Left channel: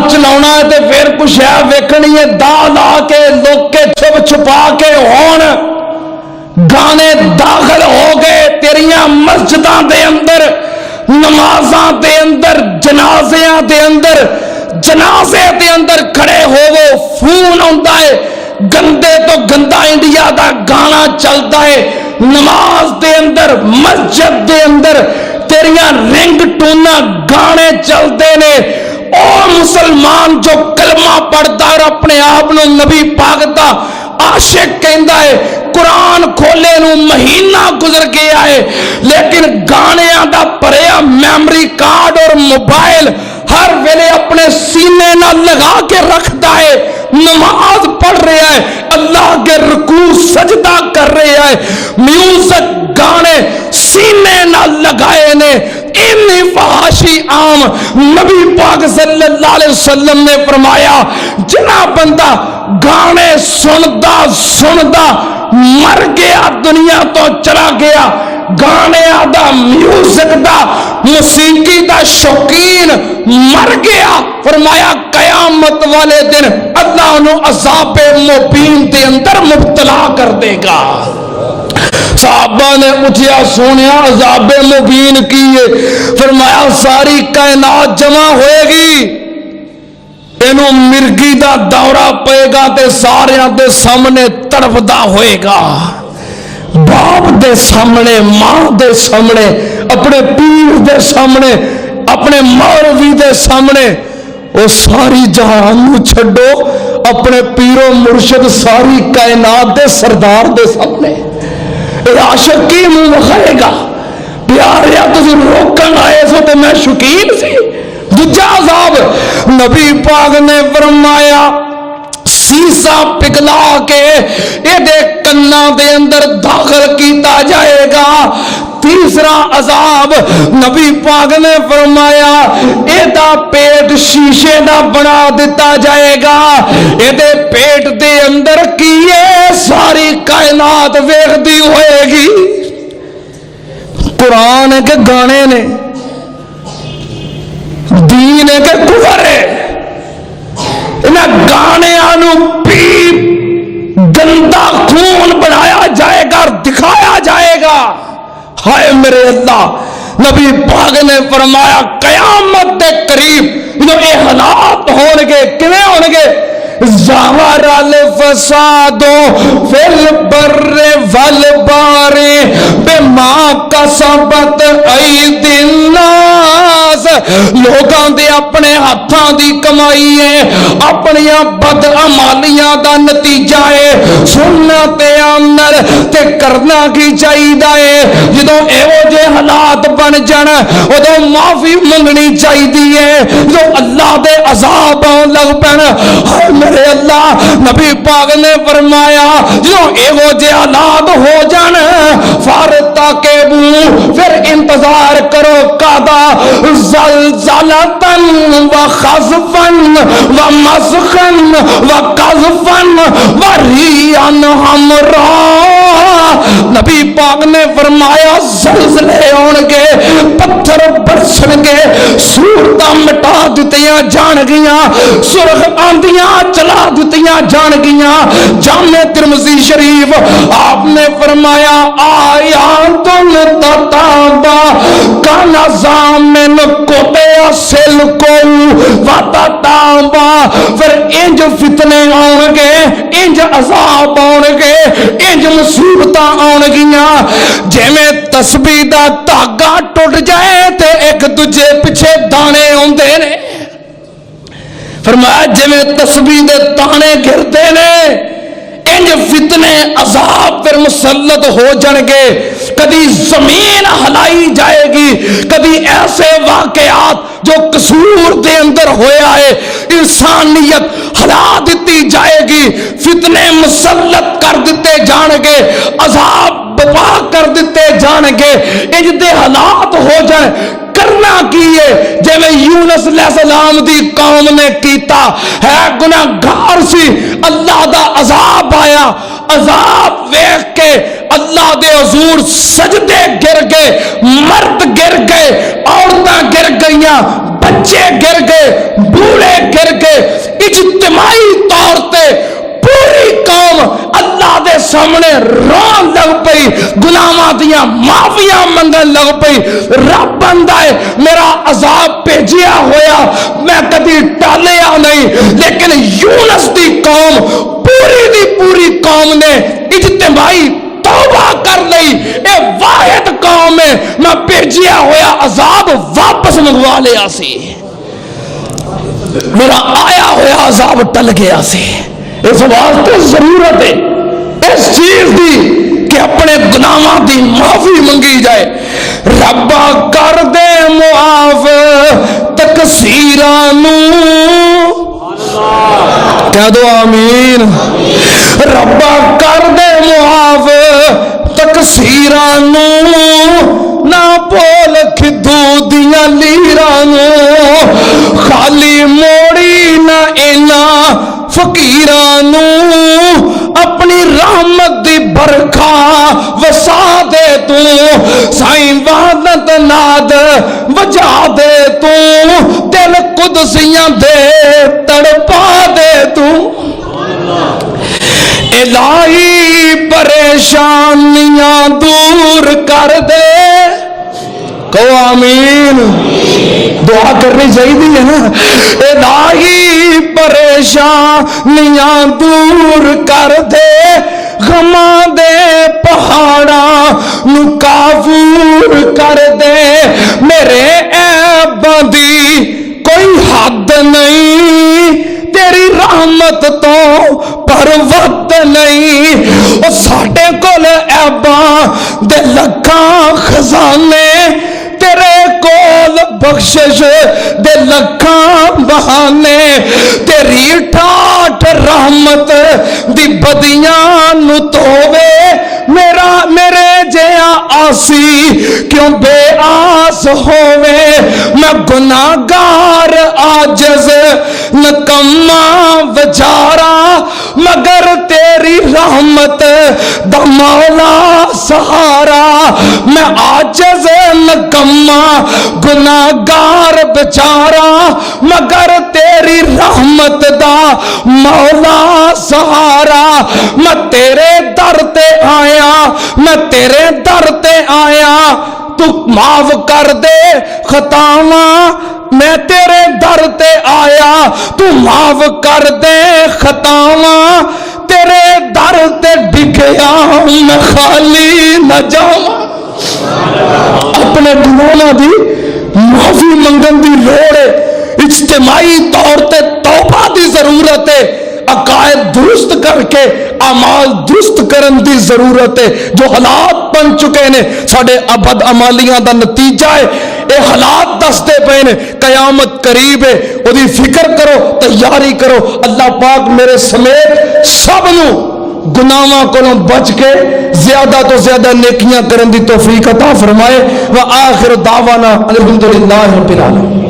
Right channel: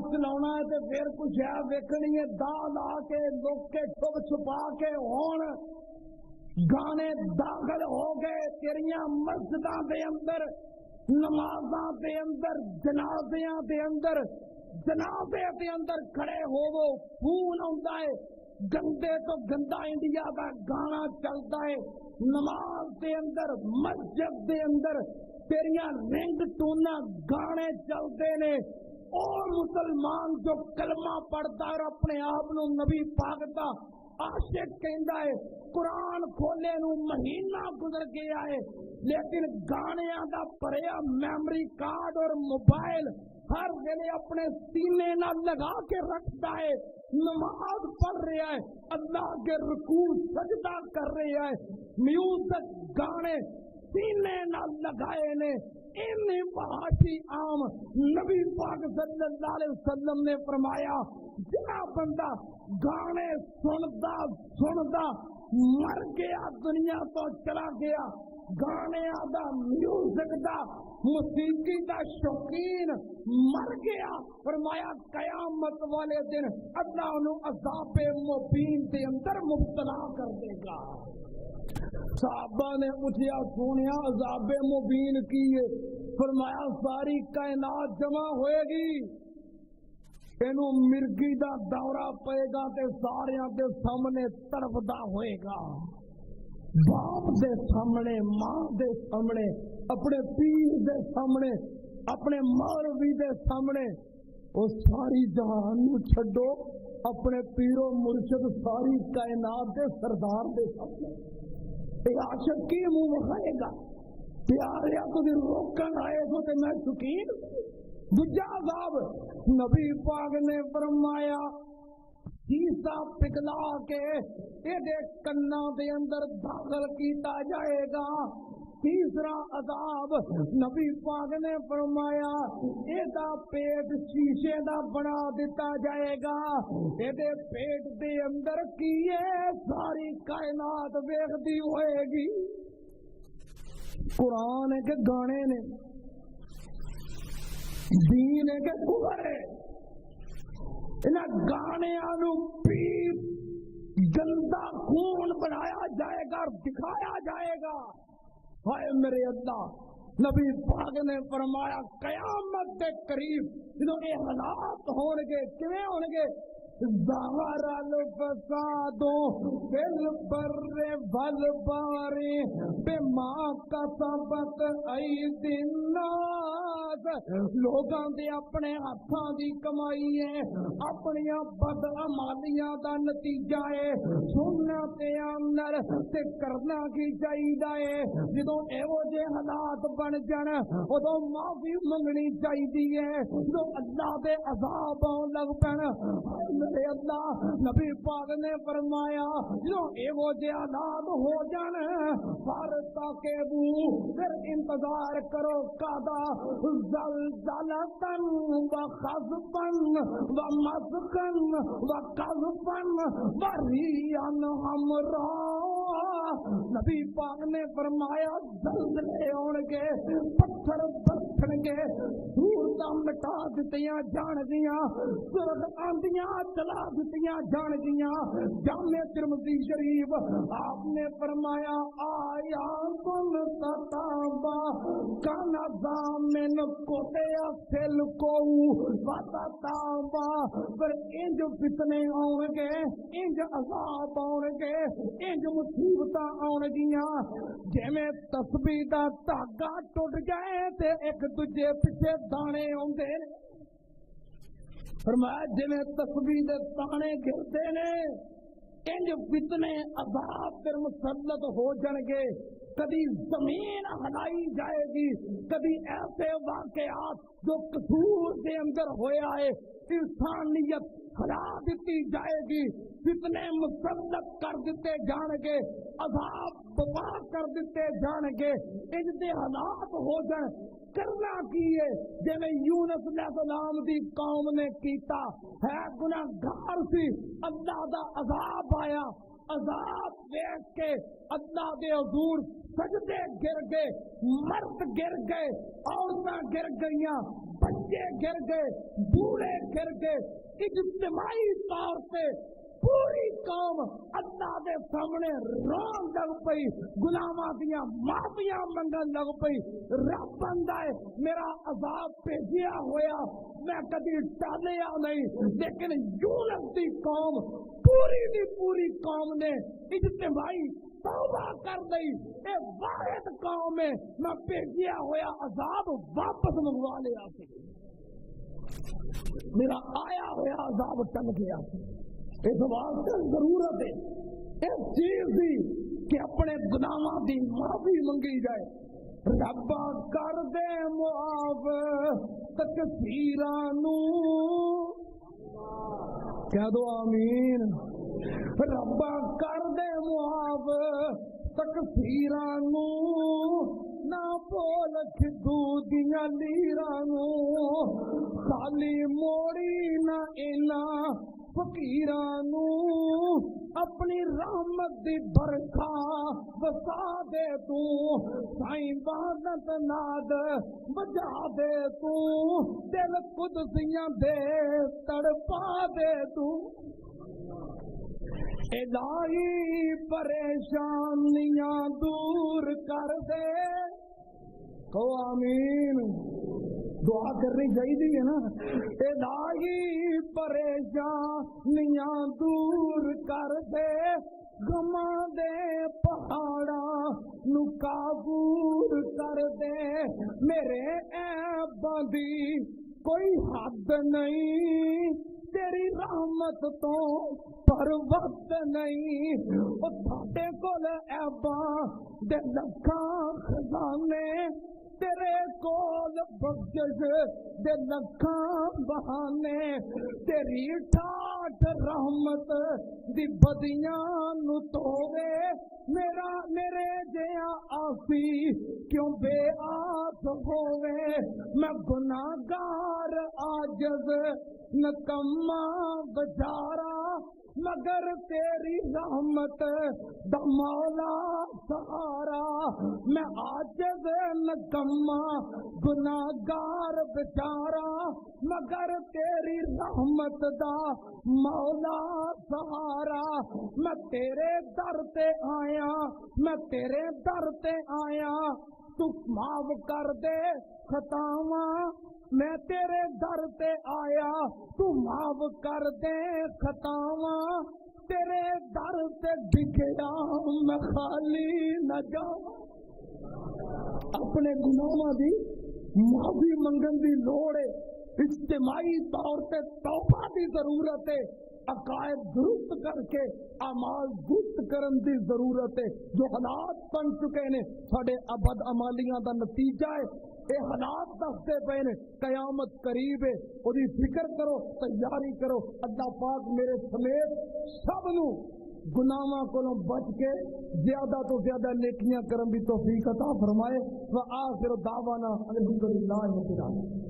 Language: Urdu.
کار چلاؤنا ہے تے پھر کچھ ہے ویکھنی ہے دا لا کے لوک کے چھپ چھپا کے ہون گانے داخل ہو گئے تیریاں مسجداں دے اندر نمازاں دے اندر جنازیاں دے اندر جنازے دے اندر کھڑے ہوو فون آندا ہے گندے تو گندا انڈیا دا گانا چلتا ہے نماز دے اندر مسجد دے اندر تیریاں رنگ ٹونا گانے چلتے نے او مسلمان جو کلمہ پڑھتا اور اپنے آپ نو نبی پاک دا عاشق کہندا ہے قرآن کھولے نو مہینہ گزر گیا ہے لیکن گانیاں دا پریا میمری کارڈ اور موبائل ہر ویلے اپنے سینے نہ لگا کے رکھتا ہے نماز پڑھ رہا ہے اللہ کے رکوع سجدہ کر رہا ہے میوزک گانے سینے نہ لگائے نے انی فحاشی عام نبی پاک صلی اللہ علیہ وسلم نے فرمایا جنا بندہ گانے سندا مر گیا دنیا تو چلا گیا گانے دا میوزک دا موسیقی دا شوقین مر گیا فرمایا قیامت والے دن اللہ انہوں عذاب مبین دے اندر مبتلا کر دے گا صحابہ نے اٹھیا سونیا عذاب مبین کیے فرمایا ساری کائنات جمع ہوئے گی اینو مرگی دا دورہ پئے گا تے سارے دے سامنے تڑپدا ہوئے گا باپ دے سامنے ماں دے سامنے اپنے پیر دے سامنے اپنے مولوی دے سامنے وہ ساری جہان نو چھڈو اپنے پیر و مرشد ساری کائنات دے سردار دے سامنے عاشق کی منہ مخائے گا پیاریا تسی روکن آئے سو تے میں شکیل سی دوجا عذاب نبی پاک نے فرمایا سیسا پگھلا کے ایدے کناں دے اندر داخل کیتا جائے گا تیسرا عذاب نبی پاک نے فرمایا ایدہ پیٹ شیشے نہ بنا دیتا جائے گا ایدے پیٹ دے اندر کیے ساری کائنات ویکھ دی ہوئے گی قرآن کے گانے نے دین کے کفر ہے انہیں گانے آنو پی گندہ خون بنایا جائے گا اور دکھایا جائے گا ہائے میرے اللہ نبی پاک نے فرمایا قیامت دے قریب انہوں اے حالات ہونگے کنے ہونگے ظاہر الفساد فی البر والبحر بما کسبت ایدی الناس لوگاں دے اپنے ہاتھاں دی کمائی ہے اپنی بد عمالیاں دا نتیجہ ہے سننا تے آمنر تے کرنا کی چاہیدہ ہے جدوں ایو جے حالات بن جان ادوں معافی منگنی چاہیدی ہے جو اللہ دے عذاب لگ پین میرے اللہ نبی پاک نے فرمایا جو ایو جے حالات ہو جان فارتا کے بو پھر انتظار کرو قادا زلزلتن و خزفن و مسخن و قذفن و ریان ہمرا نبی پاک نے فرمایا زلزلے ہونگے پتھر برسنگے صورتاں مٹا دیتیاں جان گیاں سرخ آندیاں چلا دیتیاں جان گیاں جامع ترمذی شریف آپ نے فرمایا آیاتن تتابا کانا زامن کوتے سل کو واتتابا پھر انج فتنے آنگے انج عذاب آنگے انج مصیبتاں آنگیاں جے میں تسبیح دا تاگا ٹوٹ جائے تے ایک دجے پچھے دانے ہوندے نے فرمایا جے میں تسبیح دے تانے گھرتے نے انج فتنے عذاب پر مسلط ہو جانگے کبھی زمین ہلائی جائے گی کبھی ایسے واقعات جو قصور دے اندر ہویا ہے انسانیت ہلا دیتی جائے گی فتنے مسلط کر دیتے جانگے عذاب بپا کر دیتے جانگے انج دے حالات ہو جائیں کرنا کیے جے میں یونس علیہ السلام دی قوم نے کیتا ہے گناہگار سی اللہ دا عذاب آیا عذاب ویکھ کے اللہ دے حضور سجدے گر گئے مرد گر گئے عورتاں گر گئیاں بچے گر گئے بوڑھے گر رون لگ پئی، گناہاں دیاں معافیاں منگن لگ پئی۔ رب بندہ ہے میرا عذاب بھیجیا ہویا میں کدی ٹالیا نہیں، لیکن یونس دی قوم پوری دی پوری قوم نے اجتماعی توبہ کر لئی، اے واحد قوم ہے میں بھیجیا ہویا عذاب واپس منگوا لیا سی، میرا آیا ہویا عذاب ٹل گیا سی۔ اس واسطے ضرورت ہے اس چیز دی کہ اپنے گناہاں دی معافی منگی جائے۔ ربا کر دے معاف تقصیراں نوں، کہہ دو آمین۔ ربا کر دے معاف تقصیراں نوں، نہ بول کھدو دیاں لیراں نوں، خالی موڑی نہ اینا فقیراں نوں، اپنی رحمت دی برکھا وسا دے تو، سائیں وحدت ناد وجا دے تو، دل قدسیاں دے تڑپا دے تو، الہی پریشانیاں دور کر دے، کہو آمین۔ دعا کرنی چاہیے ہے نا، الہی پریشانیاں دور کر دے، غماں دے پہاڑاں نو کافور کر دے، میرے عیباں دی کوئی حد نہیں، تیری رحمت تو پروت نہیں، او ساڈے کول عیباں دے لکھاں خزانے، تیرے کول بخشش دے لکھاں بہانے، تیری ٹھاٹھ رحمت دی بدیاں نو تووے، میرے جیاں آسی کیوں بے آس ہووے، میں گناہگار عاجز نکما وچارا، مگر تیری رحمت دا مولا سہارا، میں عاجز نکما گناہگار بچارا، مگر تیری رحمت دا مولا سہارا، میں تیرے در تے آیا، میں تیرے در تے آیا، تو معاف کر دے خطاواں، میں تیرے در تے آیا، تو معاف کر دے خطاواں، تیرے در تے ڈگیا میں خالی نہ جاواں۔ اپنے گناہاں دی معافی منگن دی لوڑ ہے، اجتماعی طور تے توبہ دی ضرورت ہے، عقائد درست کر کے اعمال درست کرن دی ضرورت ہے۔ جو حالات بن چکے نے ساڑے ابد عمالیاں دا نتیجہ ہے، اے حالات دستے پے نے قیامت قریب ہے، او دی فکر کرو، تیاری کرو۔ اللہ پاک میرے سمیت سب نو گناہاں کولوں بچ کے زیادہ تو زیادہ نیکیاں کرن دی توفیق عطا فرمائے۔ وآخر دعوانا الحمدللہ رب العالمین۔